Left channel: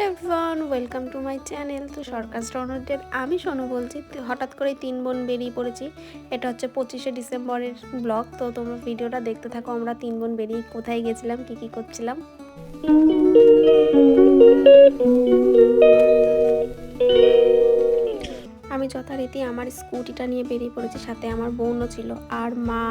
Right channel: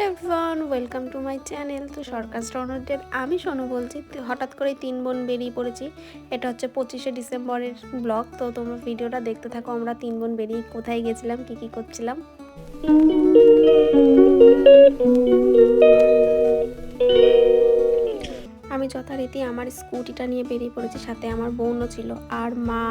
Hello everyone, welcome to my channel. তো সরকার স্ট্রনারদের আমি শোনো বলছি হঠাৎ করে তিন বোন বেরিয়ে পড়েছি। এটা হচ্ছে পঁচিশে ডিসেম্বরের ব্লগ, তো তোমরা ভিডিওটা দেখতে থাকো। আমরা তিন বোন বেরিয়ে কোথায় গেছিলাম, কি কি করছিলাম। আমি যথারীতি আমার স্কুটিটা নিয়ে বেরিয়ে পড়েছি, সাথে আমার বোনও ছিল, আর মা,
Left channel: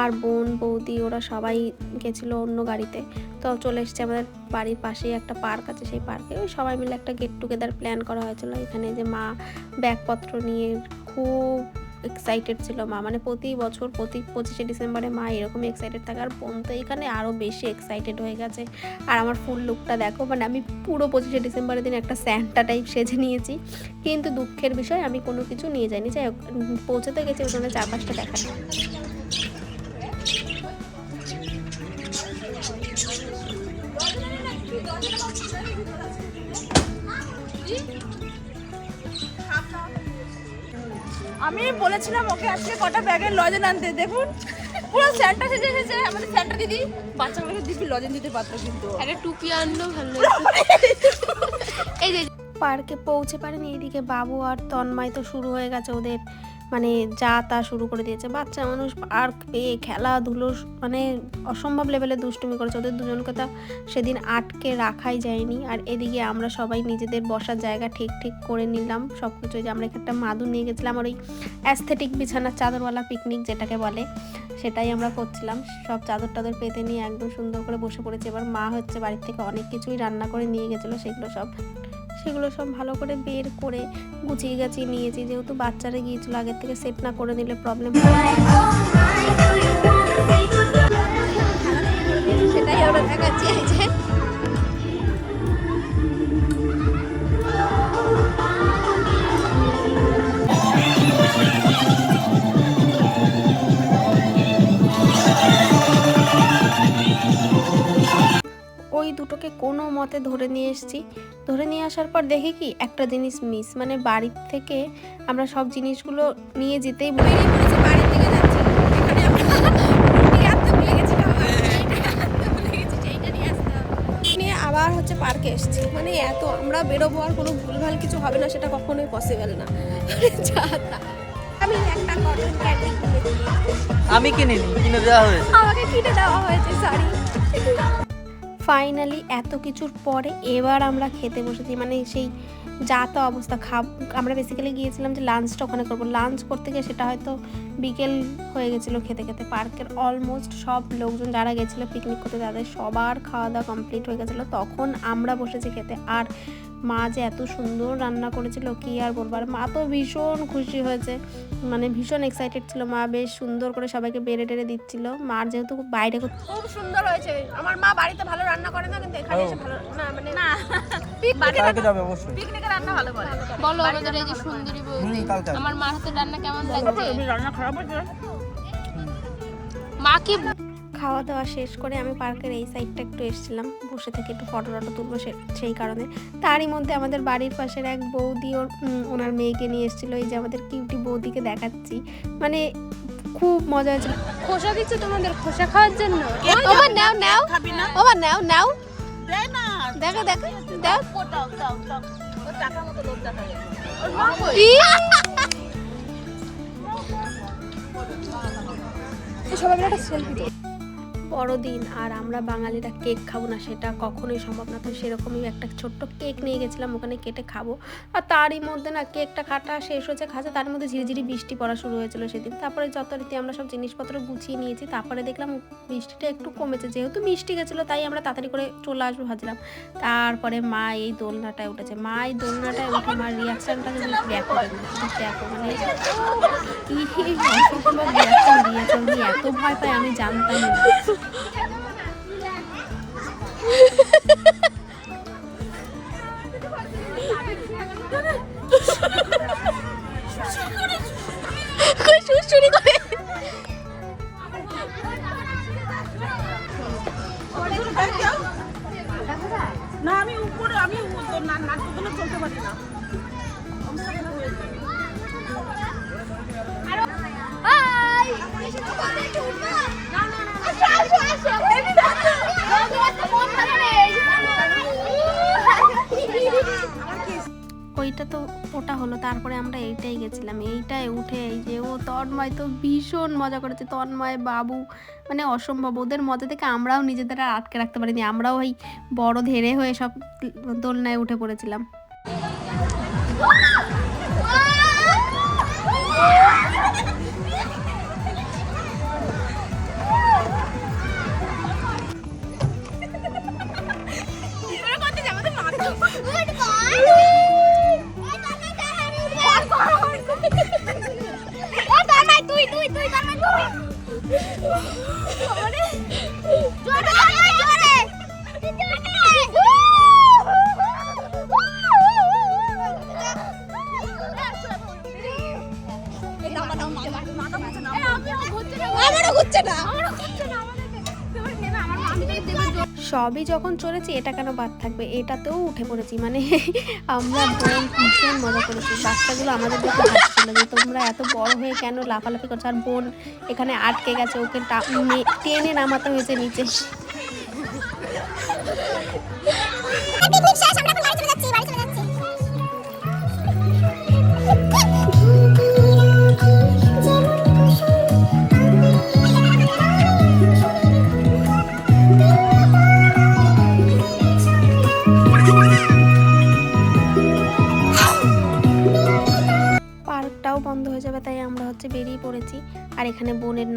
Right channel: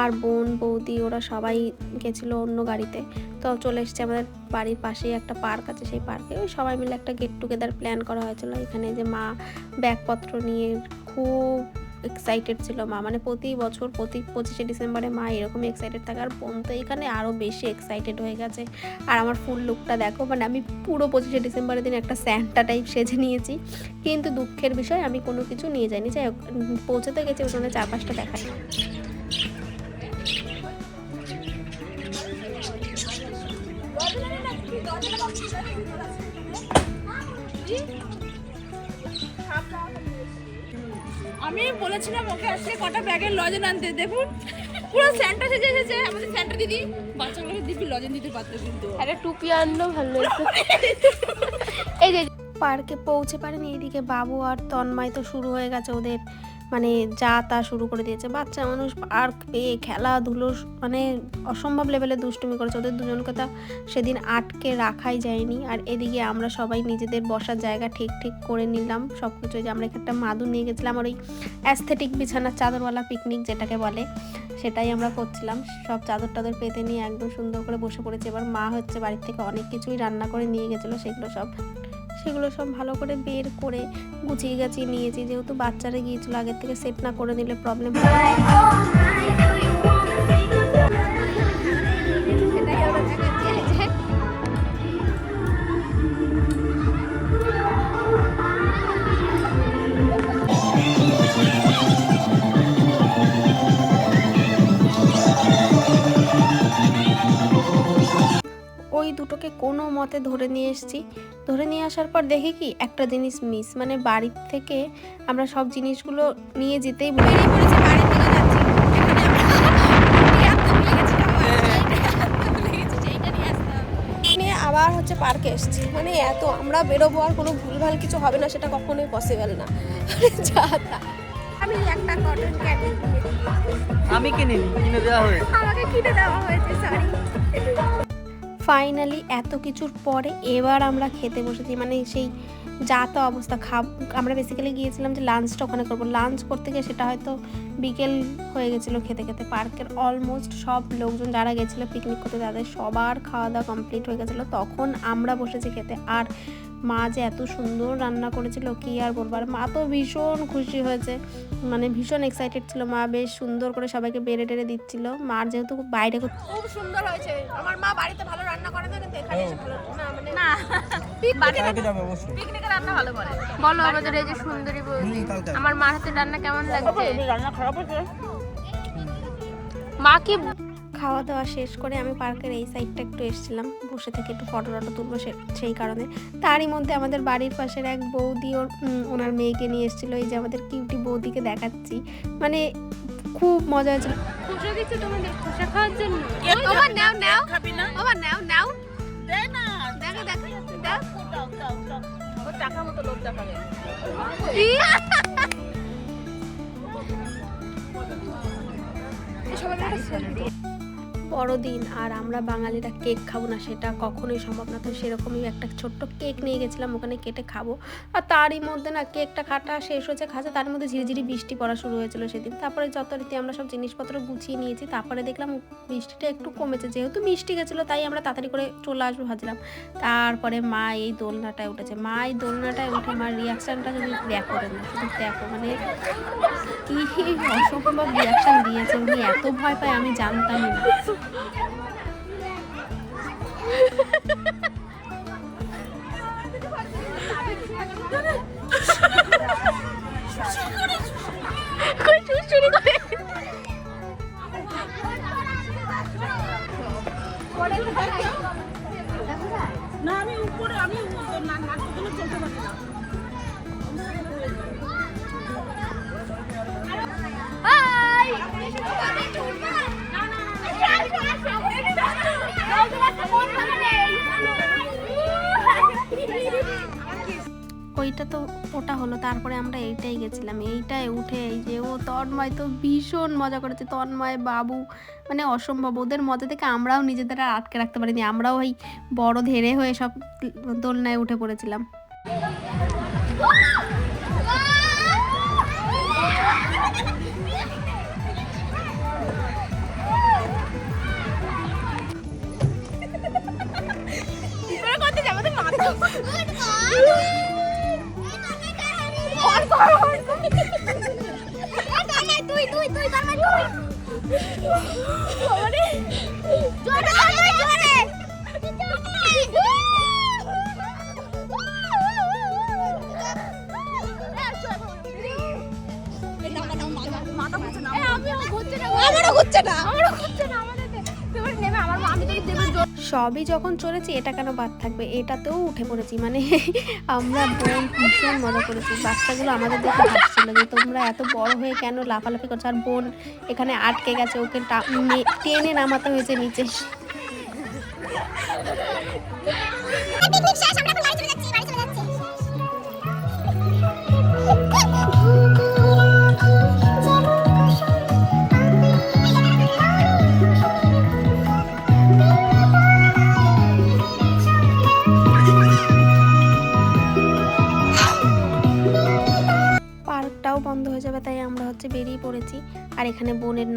আর বোন, বৌদি, ওরা সবাই গেছিল অন্য গাড়িতে। তো চলে এসেছে আমাদের বাড়ির পাশেই একটা পার্ক আছে, সেই পার্কে ওই সবাই মিলে একটা গেট টুগেদার প্ল্যান করা হয়েছিল। এখানে যে মা ব্যাগপত্র নিয়ে খুব এক্সাইটেড ছিল মা। মানে প্রতি বছর, প্রতি পঁচিশে ডিসেম্বরে মা এরকমই এক্সাইটেড থাকে। আর বোন তো এখানে আরও বেশি এক্সাইটেড হয়ে গেছে। আর আমার ফুল লুকটা দেখো মানে আমি পুরো পঁচিশে ডিসেম্বরের দিন একটা স্যান্টা টাইপ সেজে নিয়েছি। কিন্তু দুঃখের বিষয়, আমি কোনো কিছু নিয়ে যাইনি। যাই হোক পৌঁছতে গেছি, ওখানে চার পাঁচটা দেখা আমি বলেছিলাম ওকে আজকে কটা ব্যাগের লজেন আনতে দেখুন। পুরো স্যান্টা সেজে এসেছে। আমাদের স্যান্টা দিদি বাচ্চাগুলোকে দিদি লজেন দিতে পারতো কিন্তু। একটা টুপি আনলো ভালো এই যে পার্কে পৌঁছে পারেনি এইদিকে বাবু আর তন্ময় তো শুরু হয়ে গেছে ওদের মানে যা তা শুরু করে দিয়েছে। বাচ্চা মানুষ পার্ক পেয়ে খেলাধুলো মানে অসম্ভব লেভেলে দুষ্টুমি করেছে। ওদের দুজনকে তো সেদিন আটকে রাখাই যায়নি। আর এদিকে আমরা সবাই নিজেদের বসার জায়গা ঠিক ঠিক করে নিলাম। সব কিছু যে আমরা একটা মাদুর নিয়ে গেছিলাম। আর ওই অ্যাস্থেটিক বিছানার চাদরওয়ালা পিকনিক যেটাকে বলে, সেটাই আমরা করছিলাম। সব চাদর টাদর পেতে নিয়ে একদম সুন্দর করে বসে পড়েছে। এবার মা হচ্ছে বাড়ির থেকে অনেক কিছুই রান্না করে নিয়ে গেছিল। সেগুলো সব সেগুলো সব ভালো করে বের করে গুছিয়ে গাছিয়ে নিয়েছি। যেহেতু বাচ্চারা গিয়েছিল, আগের থেকে সেট না করে নিলে প্রবলেম হবে দুটোকে কোনো মতে ধরে নিয়ে এসেছি। ধরে নিয়ে আসার পর দেখি কি একটা জিনিস মিস মানে বাড়ির থেকে আমরা সব জিনিসগুলো নিয়ে যেতেই ভুলে গেছি। নিয়ে আবার হচ্ছে পার্কে এসেছি। মানে এত আমরা বেরোবো আর কোনো ভুলভাল কিছু হবে না সেটা কখনোই পসিবল না। যা আমি একটা কটন ক্যান্ডি কিনেছি আমি কিনিনি কিনে দেওয়া হয়েছে। আমাকে কিনে দেওয়া হয়েছে শাড়ি ফাইনালি এত কিছুর পরে এবার আমরা খেতে বসেছি। মানে সেই যা তো অবস্থা, খাব, আমরা বেসিক্যালি গিয়েছিলাম যে লাঞ্চটা ওখানে করব। লাঞ্চ করতে গিয়ে সেটা হয়তো বিকেল হয়ে গেছিল খেতে খেতে। পার্কের অলমোস্ট সব লোকজন যারা গেছিল পিকনিক করতে, তাদের সবার খাওয়া দাওয়া কমপ্লিট হয়ে গেছিল। তখন আমরা বসেছি খেতে। আর মা যে এত সুন্দর রান্না করেছিল কি আর বলব? আর মা তো ভীষণ খুশি হয়েছে। মানে ভীষণ এক্সাইটেড ছিল মা বেশ সুন্দর করে সবাইকে বেড়ে টেড়ে দিচ্ছিল। মার যেহেতু বাইরে খুব সুন্দর হয়েছে। আমার মা বাড়িতে ভালো রান্না করে না কিন্তু এখানে এসে ভালো না মানে না। কালকে যাবে অবশ্যই। পিকনিকে রান্না ভালো করে। বলো আমাদের এই যে সুন্দরী বৌদি হুম, কালকে। আসবে। আমার মার হাতে রান্না কেমন লাগছে? রান্না খারাপ হয়েছে মা কি খাওয়া দাওয়া শেষ করে আমি পার্কের এই সাইডটা একটু এসেছিলাম। বসে থেকে একটু ফটো টটো তুলবো সে- সেই কারণে। তারই মধ্যে আমাদের বাড়ির পাশের এক বৌদি ওর ওনার মেয়েকে নিয়ে এসেছিল। এই যে আমাদের কিউটি বৌদিকে দেখাচ্ছি। মানে খুব মজা হয়েছিল। খোসা দিচ্ছি তোমাদের খোসা খাওয়ার জন্য। নাও নাও। খাবি না। ওমা নাও নাও। দে না। দেখো দেখো দাও দাও দাও। দাও ওর টাকার মতো লোক টাকা ই! সবাই একটা selfie। বড়দিন আর আমরা বাঙালিরা কেক খাব না, সেটা কখনোই সম্ভব না। তো সেরকমই একটা ছোট্ট কেক নিয়ে গেছিলাম, ওখানে কেটে খাব। আর তারই মধ্যে না, কেকটা কাটা শেষ হয়েছে খাচ্ছে তার মধ্যে ঝিরিঝিরি বৃষ্টি পড়া শুরু হয়েছিল সেদিন। তারপরে যথারীতি আমরা সব জিনিসপত্র গুছিয়ে নিয়েছি, তারপরে দেখলাম বৃষ্টিটা একটু কমেছে, যেহেতু মিষ্টি গেছিল, তাই আমরা তাড়াতাড়ি করে চলে আসব ভাবছিলাম। তারপরে মা এই দোলনাটায় উঠেছে। মা এই দোলনাটায় উঠে মার রিয়াকশানটা যদি দেখো দেখো মানে কি অসম্ভব রিয়াকশন দিয়েছে, উনি এত ভয় পায়, আমি জানতামই না। না আমি উপরে আমি না নাক তুলে চলতে পারি না। ওইটা তো ওটা হলো, তারপরে আমরা এইটাই গেছিলাম। এইটাই উঠে এই যে, ও তন্ময় তো ভীষণ মজা করেছে। তন্ময় বাবু মানে অসম্ভব। ওদের মজা থেকে আমরাও নিজেদের আর আটকে রাখতে পারিনি। আমরাও ওই বড় ধেরে হয়ে সব দোলনায় উঠে পড়েছিলাম। আমারও ঘুরছে না। আমারও ঘুরছে না সবই যখন চলেছি, এটা কেন বাদ থাকবে? এটাতেও উঠে পড়েছি। মানে আমরা বোন ভীষণ মজা করেছি। বাচ্চাগুলো আমাদের দেখে হাসছিল যে, তোমরা এত বড় হয়ে কেন লাফালাফি করছ? আর বোন এখানে আটকে গেছে, ওকে টেনে নামাতে হয়েছে নিচে।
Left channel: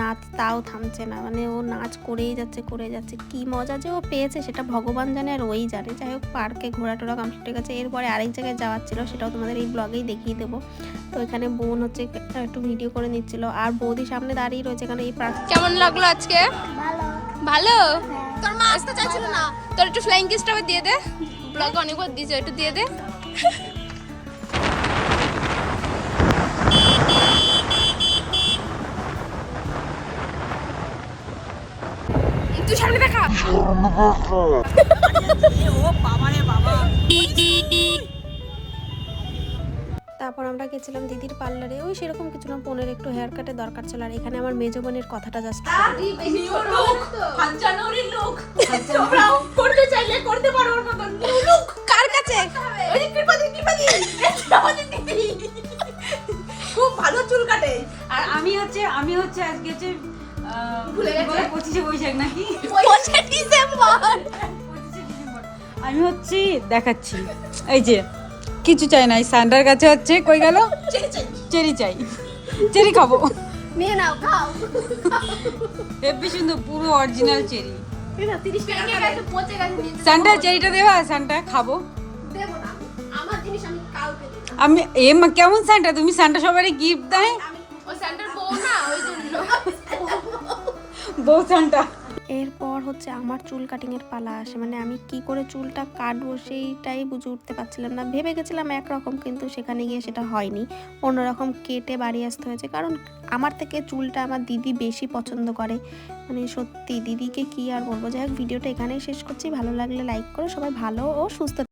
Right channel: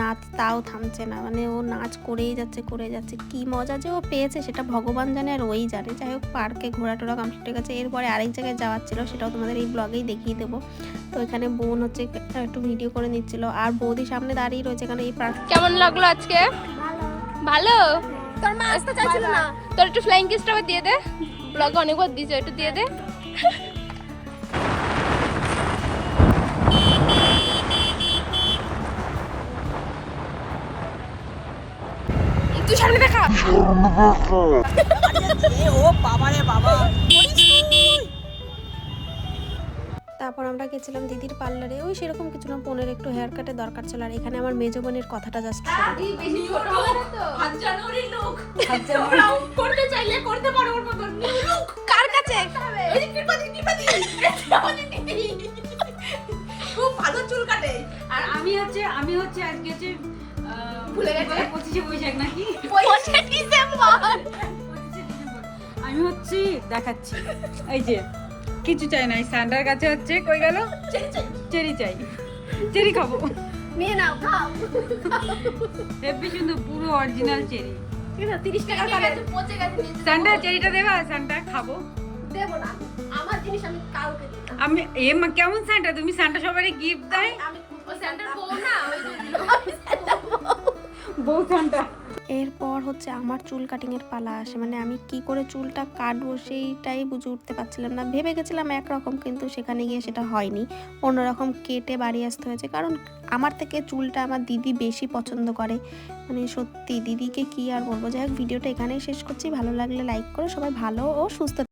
নাচ তাও থামছে না। মানে ও নাচ করেই যাচ্ছে করে যাচ্ছে। কি মজা যে ও পেয়েছে সেটা ভগবান জানে আর ওই জানে। যাই হোক পার্কে ঘোরা টোরা কমপ্লিট হয়ে গেছে। এরপরে আরেক জায়গায় যাওয়ার ছিল সেটাও তোমাদের এই ব্লগেই দেখিয়ে দেবো। তো এখানে বোন হচ্ছে একটু ভিডিও করে নিচ্ছিল। আর বৌদি সামনে দাঁড়িয়ে রয়েছে এখানে এই পার্ক কেমন লাগল আজকে? ভালো। তোর মা আসতে চাইছিল না? তোর একটু ফ্লাইং কিসটা দিয়ে দে। ব্লগে অনেকবার দিয়েছে একটু দিয়ে দে। তুই সামনে দেখা। তারপর আমরা গেছিলাম দিদির পার্লারে। ওই সেরকম কিছু না বোনের একটু হেয়ার কাটের দরকার ছিল। আর এখানে আমার মেজো বোনের কথাটা জাস্ট করতে চাইলে করতে পারো ওর মতন। কার কাছে? ওই যে কৃপাদি কৃপাদি। আমাদের দিদি। খুব ভালো চুল কাটে। আর আমি হচ্ছে আমি হচ্ছে আজকে ভুলে গেছে? পঁচিশে বৈশাখ নাকি? পঁচিশে ডিসেম্বর। আমি হচ্ছে দেখাচ্ছি। এই যে কিছু চাই না এই সান্ডার কাছে হচ্ছে কই গেল? চেরি চাই। চেরি খাব। নিয়ে নাও খাও। হেব্বি সুন্দর পুরো অরিজিনাল চেরি। সান্ডার চেরিটা দেবা? সান্ডা খাব। দেবো না। আমার জিনিস আমি কাউকে আমি এ মা কেমন সান্ডা? তুমি সান্ডা সবারই গিফট দেয় এরপর হচ্ছে আমার চুল কাটিংয়ের পালা আসে। মানে আমি কি করে চুলটা কাটবো সেইটাই বুঝে উঠতে পারছিলাম না। ভেবে গেছিলাম একরকম, কিন্তু সেখানে গিয়ে সেটা হয়নি। অন্যরকম কেটে বাড়ি আসতে হয়েছে। কারণ আমার থেকে চুলটা আমার দিদি বেশি পছন্দ করে। মানে সত্যি, দিদিকে কি আর বলব? যাই হোক, ভিডিওটা এখানেই শেষ করছি। ভালো লাগলে লাইক করো। সবাই ভালো ও সুস্থ